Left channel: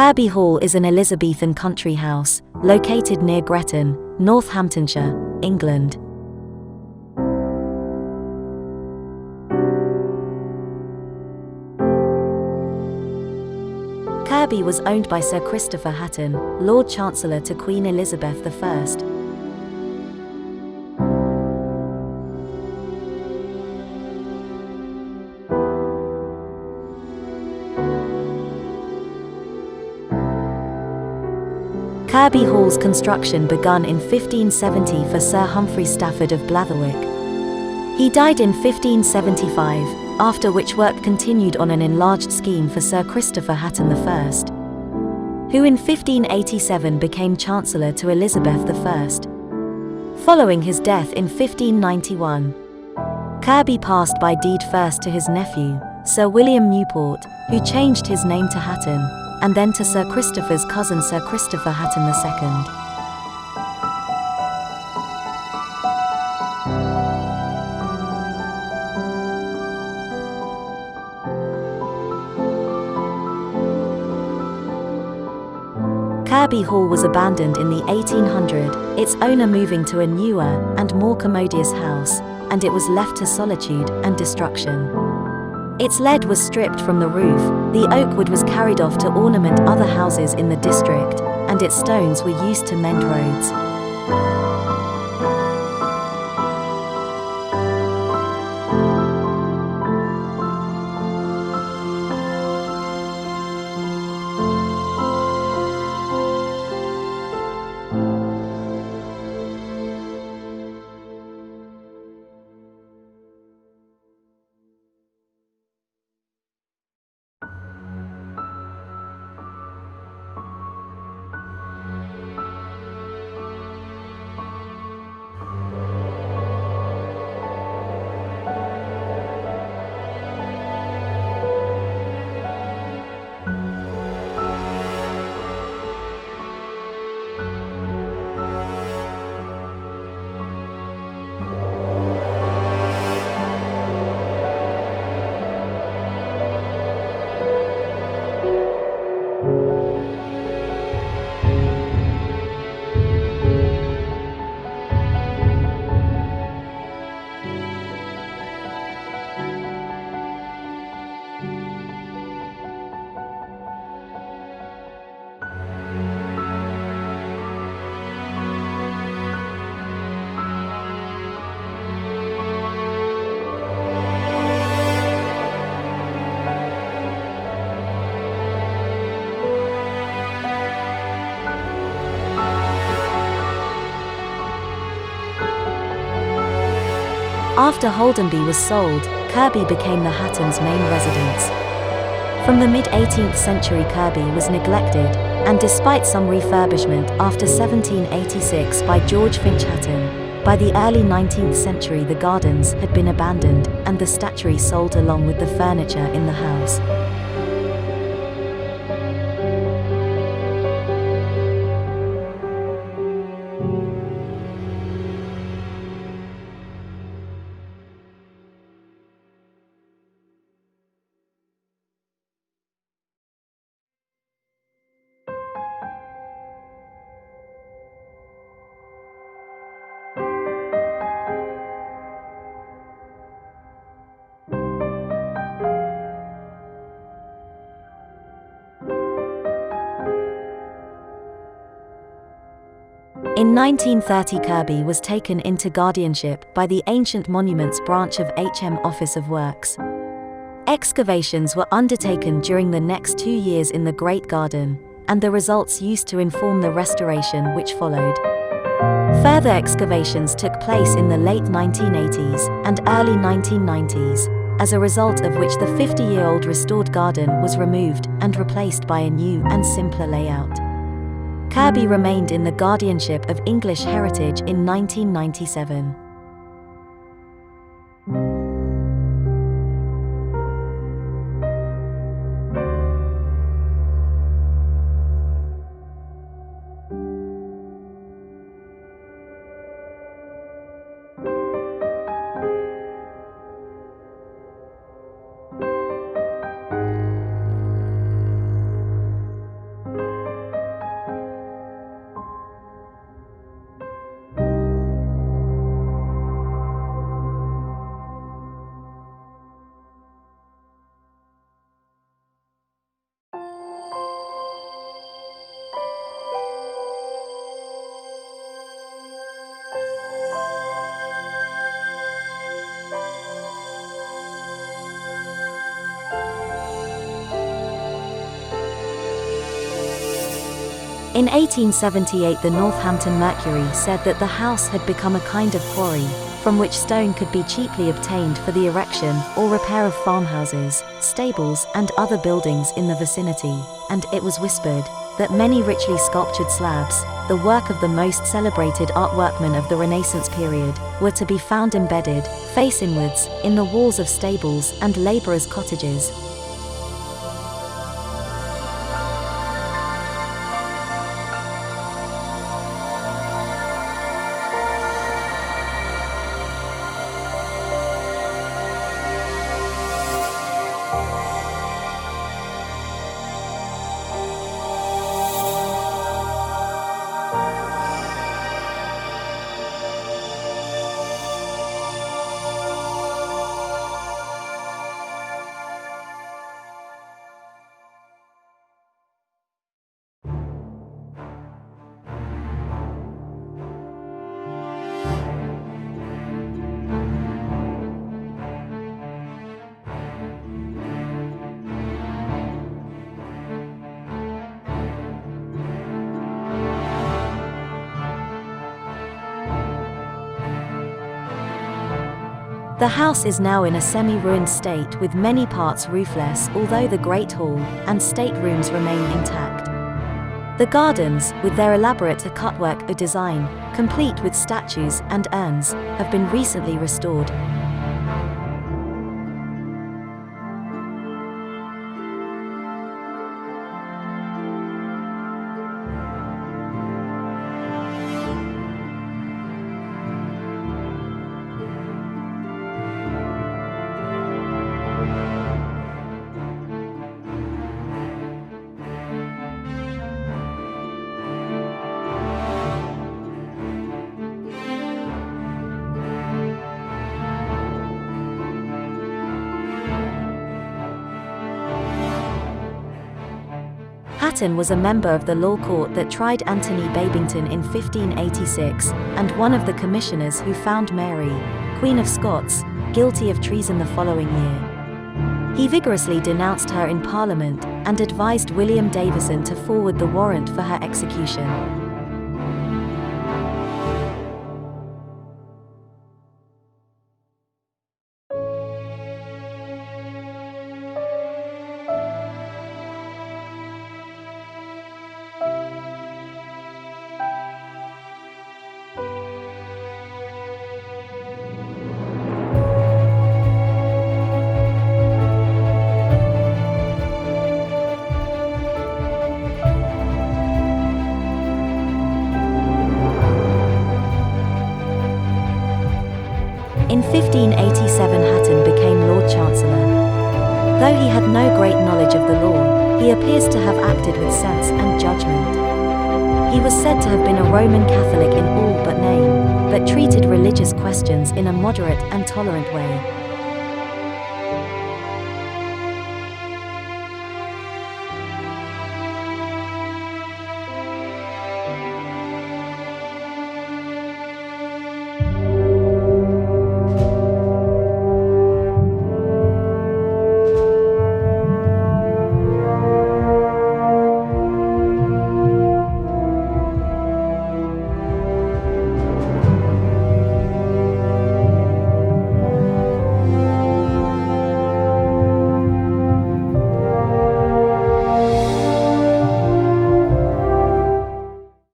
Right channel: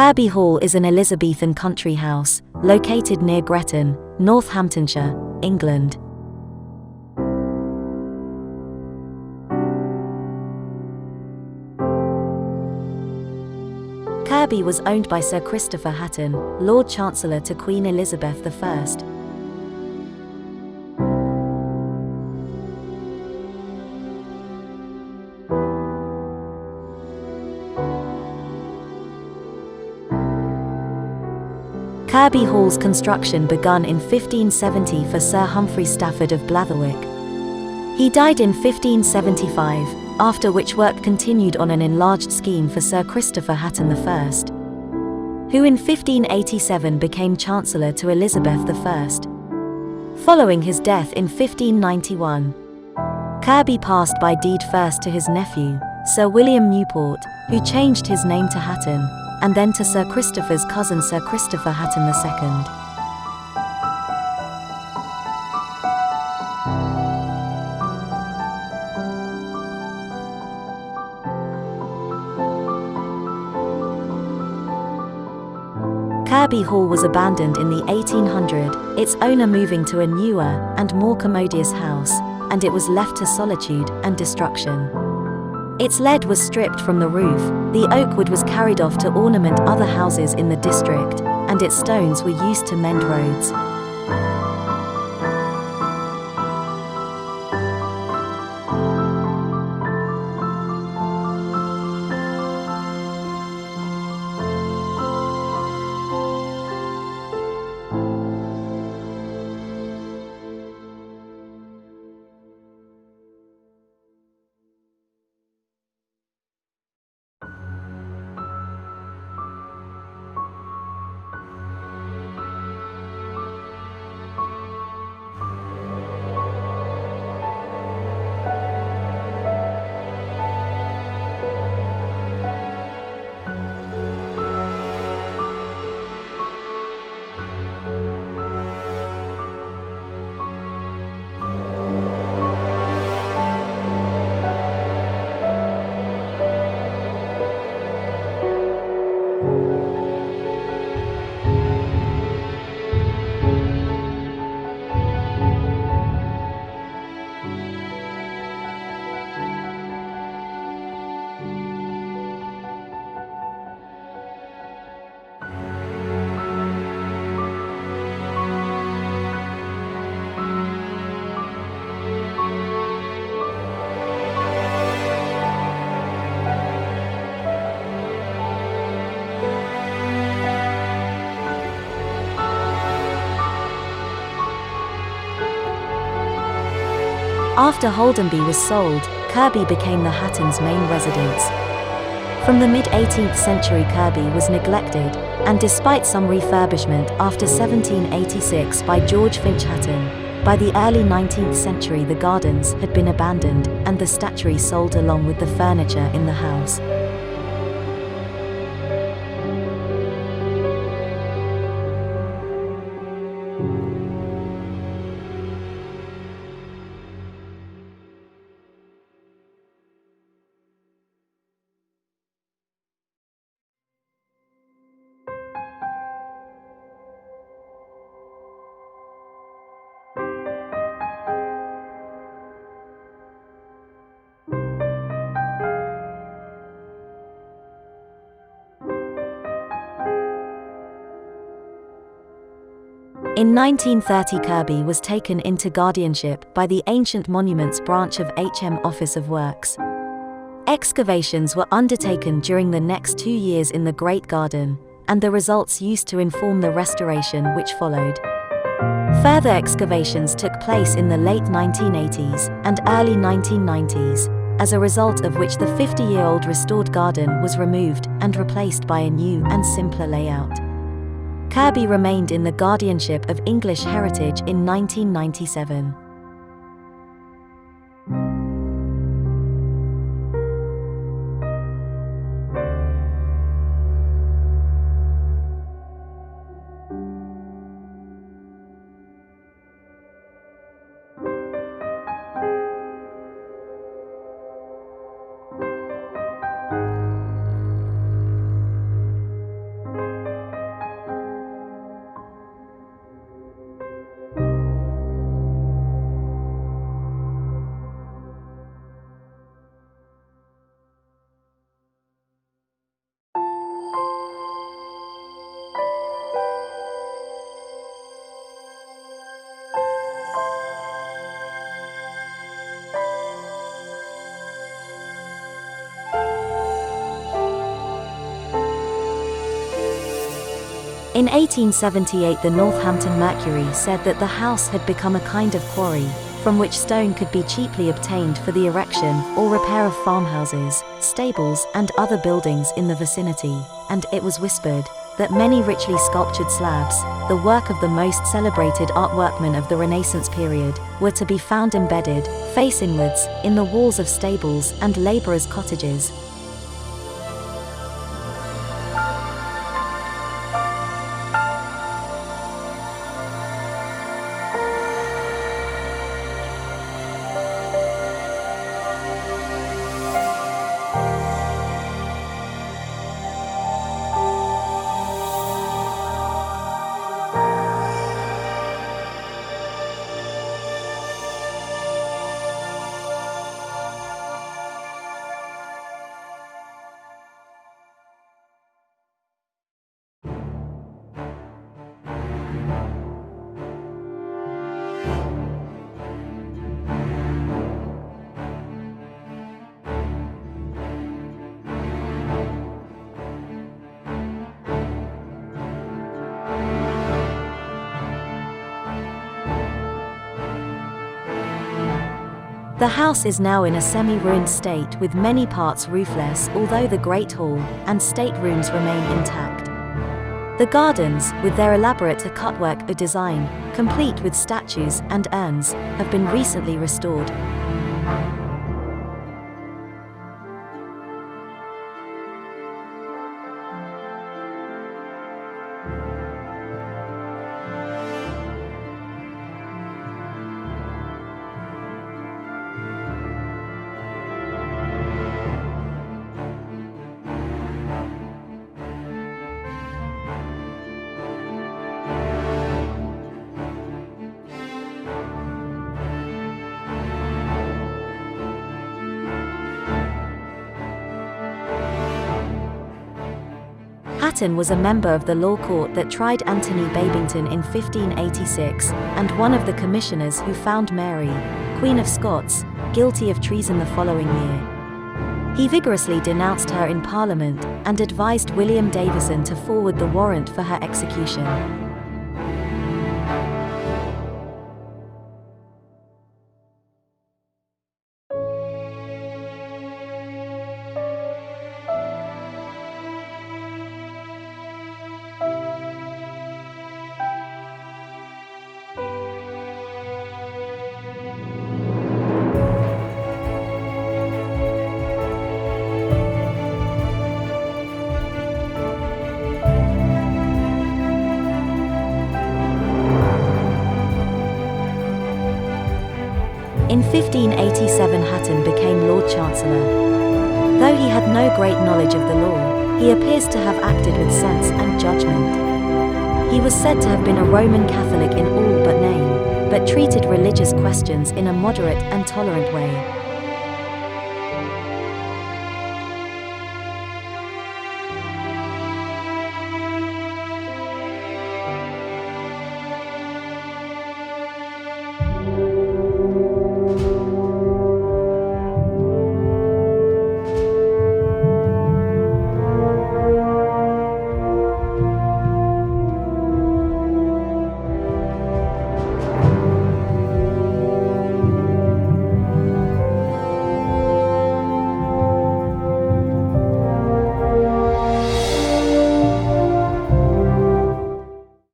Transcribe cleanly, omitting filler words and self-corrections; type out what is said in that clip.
Kirby Hall is an Elizabethan country house, located near Gretton, Northamptonshire, England. Kirby was owned by Sir Christopher Hatton, Lord Chancellor to Queen Elizabeth I. Kirby Hall's construction begun in 1570 for Sir Humphrey Stafford of Blatherwick. He died in 1575, after which work continued on an enlarged scheme for Sir Christopher Hatton I, who in 1587 became Chancellor to Elizabeth I. Following his death in 1591, Kirby passed by deed first to his nephew, Sir William Newport, who changed his name to Hatton, and then to Sir Christopher's cousin Sir Christopher Hatton II. Kirby Hall was abandoned in the 1800s, its owner moving to a newer and more commodious house, and it was left to solitude and destruction. Its lead was stripped from the roof, the oak wood was carried off to ornament other houses in the district, and its stones were used to mend roads. After Holdenby was sold, Kirby became the Hattons' main residence. From the mid-18th century, Kirby was neglected, and despite some refurbishment after 1786 by George Finch Hatton, by the early 19th century the gardens had been abandoned and the statuary sold along with the furniture in the house. In 1930 Kirby was taken into guardianship by the Ancient Monuments branch of HM Office of Works. Excavations were undertaken during the next 2 years in the Great Garden, and the results used to inform the restoration which followed. Further excavations took place in the late 1980s and early 1990s, as a result of which the 50-year-old restored garden was removed and replaced by a new and simpler layout. Kirby remained in the guardianship of English Heritage in 1997. In 1878, the Northampton Mercury said that the house had become a kind of quarry, from which stone could be cheaply obtained for the erection or repair of farmhouses, stables, and other buildings in the vicinity, and it was whispered that many richly sculptured slabs, the work of the most celebrated art workmen of the Renaissance period, were to be found embedded, face inwards, in the walls of stables and labourers' cottages. The house is now in a semi-ruined state with many parts roofless, although the Great Hall and staterooms remain intact. The gardens, with their elaborate cutwork design, complete with statues and urns, have been recently restored. Hatton was a member of the law court that tried Anthony Babington in 1586, and one of the commissioners who found Mary, Queen of Scots, guilty of treason the following year. He vigorously denounced her in Parliament and advised William Davison to forward the warrant for her execution. In 1587, Hatton became Lord Chancellor. Though he had no great knowledge of the law, he appears to have acted with sense and judgment. He was said to have been a Roman Catholic in all but name, but treated religious questions in a moderate and tolerant way.